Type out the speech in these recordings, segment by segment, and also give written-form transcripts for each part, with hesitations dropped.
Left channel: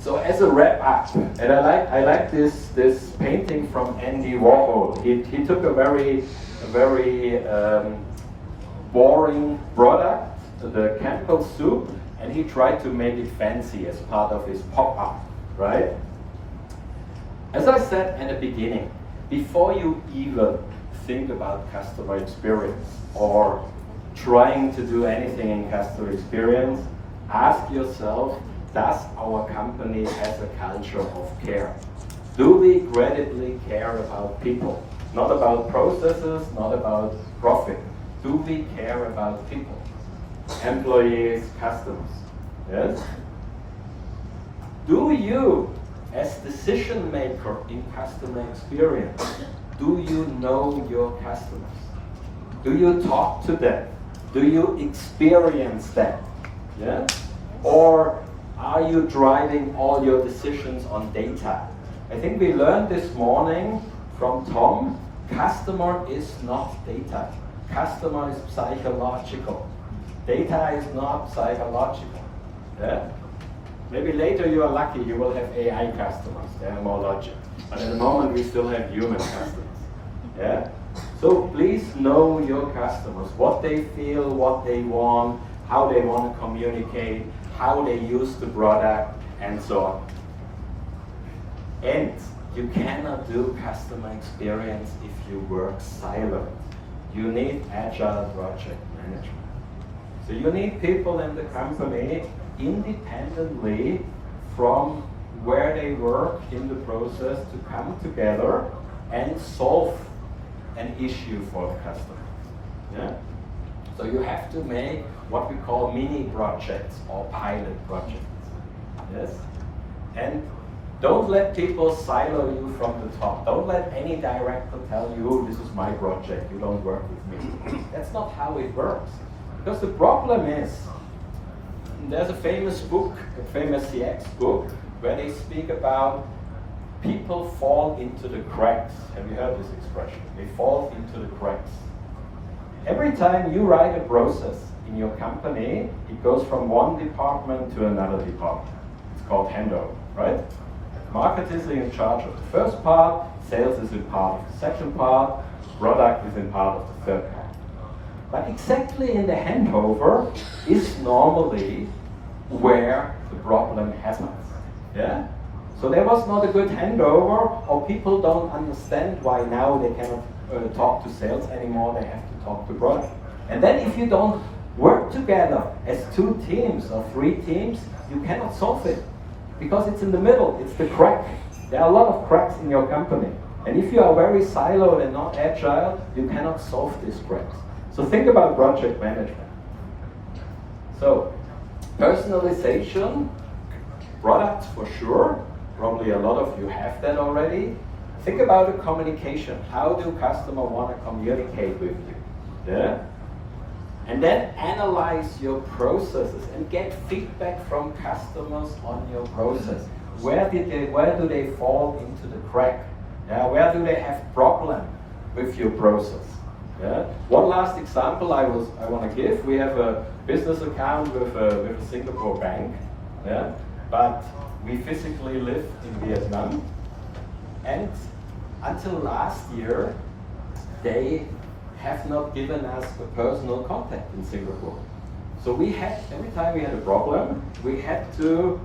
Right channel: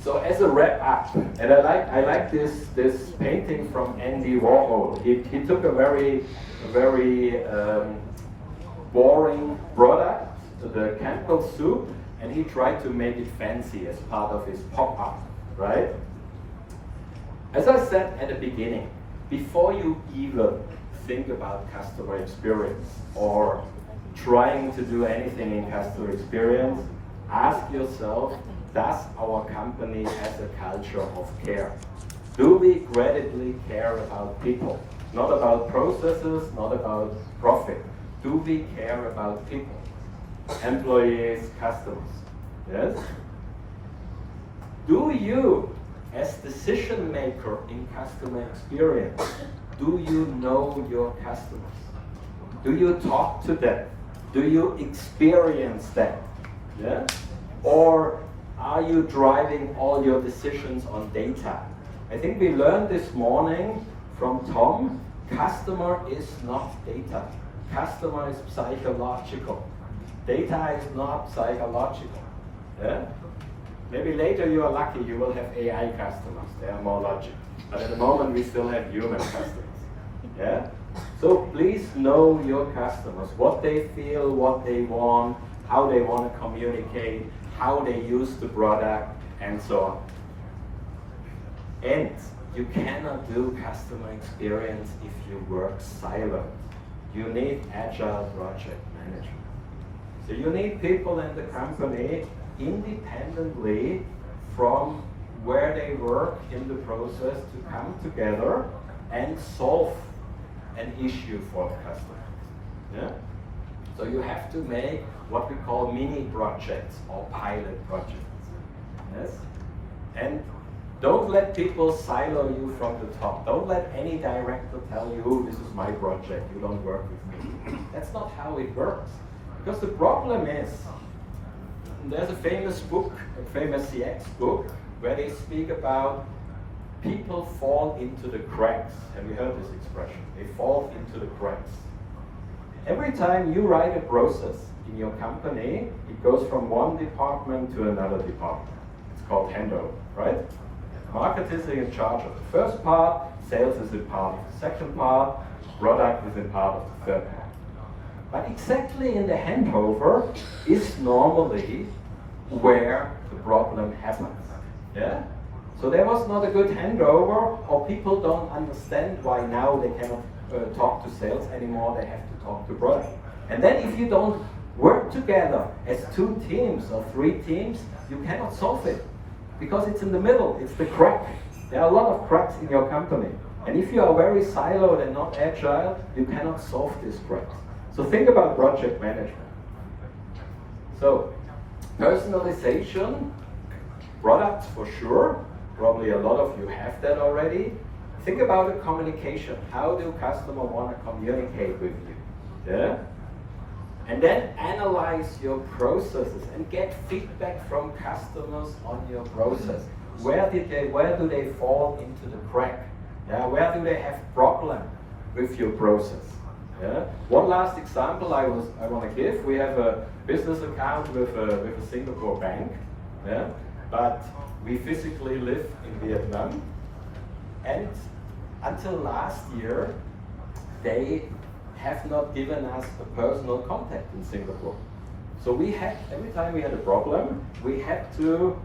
So as a wrap up, and I like this painting from Andy Warhol. He took a very boring product, the Campbell soup, and he tried to make it fancy as part of his pop-up, right? As I said at the beginning, before you even think about customer experience or trying to do anything in customer experience, ask yourself, does our company have a culture of care? Do we credibly care about people? Not about processes, not about profit. Do we care about people? Employees, customers, yes? Do you, as decision maker in customer experience, do you know your customers? Do you talk to them? Do you experience them? Yeah? Or are you driving all your decisions on data? I think we learned this morning from Tom, customer is not data. Customer is psychological. Data is not psychological. Yeah? Maybe later you are lucky, you will have AI customers, they are more logic. But at the moment we still have human customers. Yeah? So please know your customers, what they feel, what they want, how they want to communicate, how they use the product, and so on. And you cannot do customer experience if you work silent. You need agile project management. So you need people in the company independently from where they work in the process to come together and solve an issue for the customer. Yeah? So you have to make what we call mini projects or pilot projects. Yes? And don't let people silo you from the top. Don't let any director tell you, this is my project, you don't work with me. That's not how it works. Because the problem is, there's a famous book, a famous CX book, where they speak about people fall into the cracks. Have you heard this expression? They fall into the cracks. Every time you write a process in your company, it goes from one department to another department. It's called handover, right? Market is in charge of the first part, sales is in part of the second part, product is in part of the third part. But exactly in the handover is normally where the problem happens. Yeah? So there was not a good handover, or people don't understand why now they cannot talk to sales anymore, they have to talk to product. And then if you don't work together as 2 teams or 3 teams, you cannot solve it. Because it's in the middle, it's the crack. There are a lot of cracks in your company. And if you are very siloed and not agile, you cannot solve these cracks. So think about project management. So, personalization, products for sure. Probably a lot of you have that already. Think about the communication. How do customers want to communicate with you? Yeah? And then analyze your processes and get feedback from customers on your process. Where do they fall into the crack? Yeah? Where do they have problem with your process? Yeah? One last example I want to give. We have a business account with a Singapore bank, yeah? But we physically live in Vietnam, and until last year they have not given us a personal contact in Singapore. So we had, every time we had a problem, we had to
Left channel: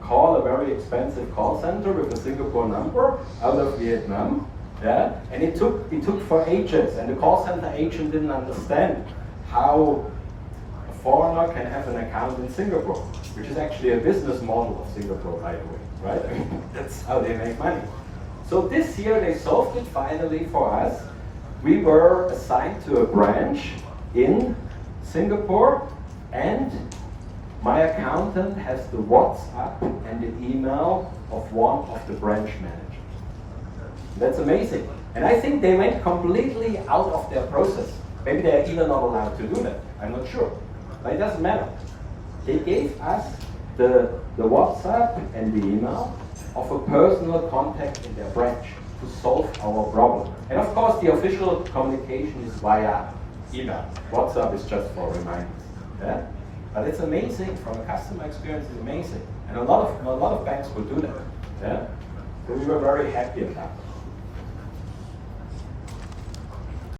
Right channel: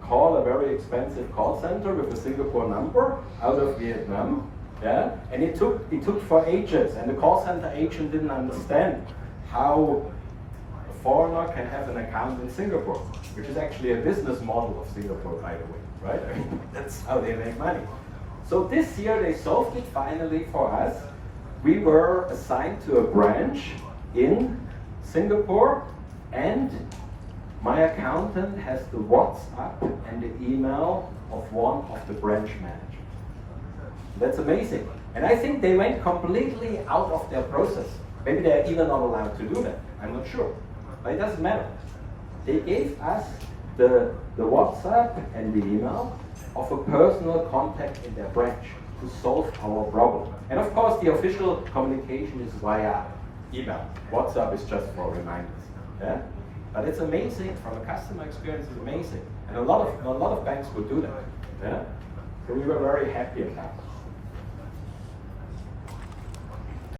call a very expensive call center with a Singapore number out of Vietnam. Yeah? And it took for ages, and the call center agent didn't understand how a foreigner can have an account in Singapore, which is actually a business model of Singapore, by the way, right? I mean, that's how they make money. So this year they solved it finally for us. We were assigned to a branch in Singapore, and my accountant has the WhatsApp and the email of one of the branch managers. That's amazing. And I think they went completely out of their process. Maybe they're even not allowed to do that. I'm not sure. But it doesn't matter. They gave us the WhatsApp and the email of a personal contact in their branch to solve our problem. And of course, the official communication is via email. WhatsApp is just for reminders. Yeah? But it's amazing, from a customer experience, it's amazing. And a lot of banks would do that. Yeah? So we were very happy about it.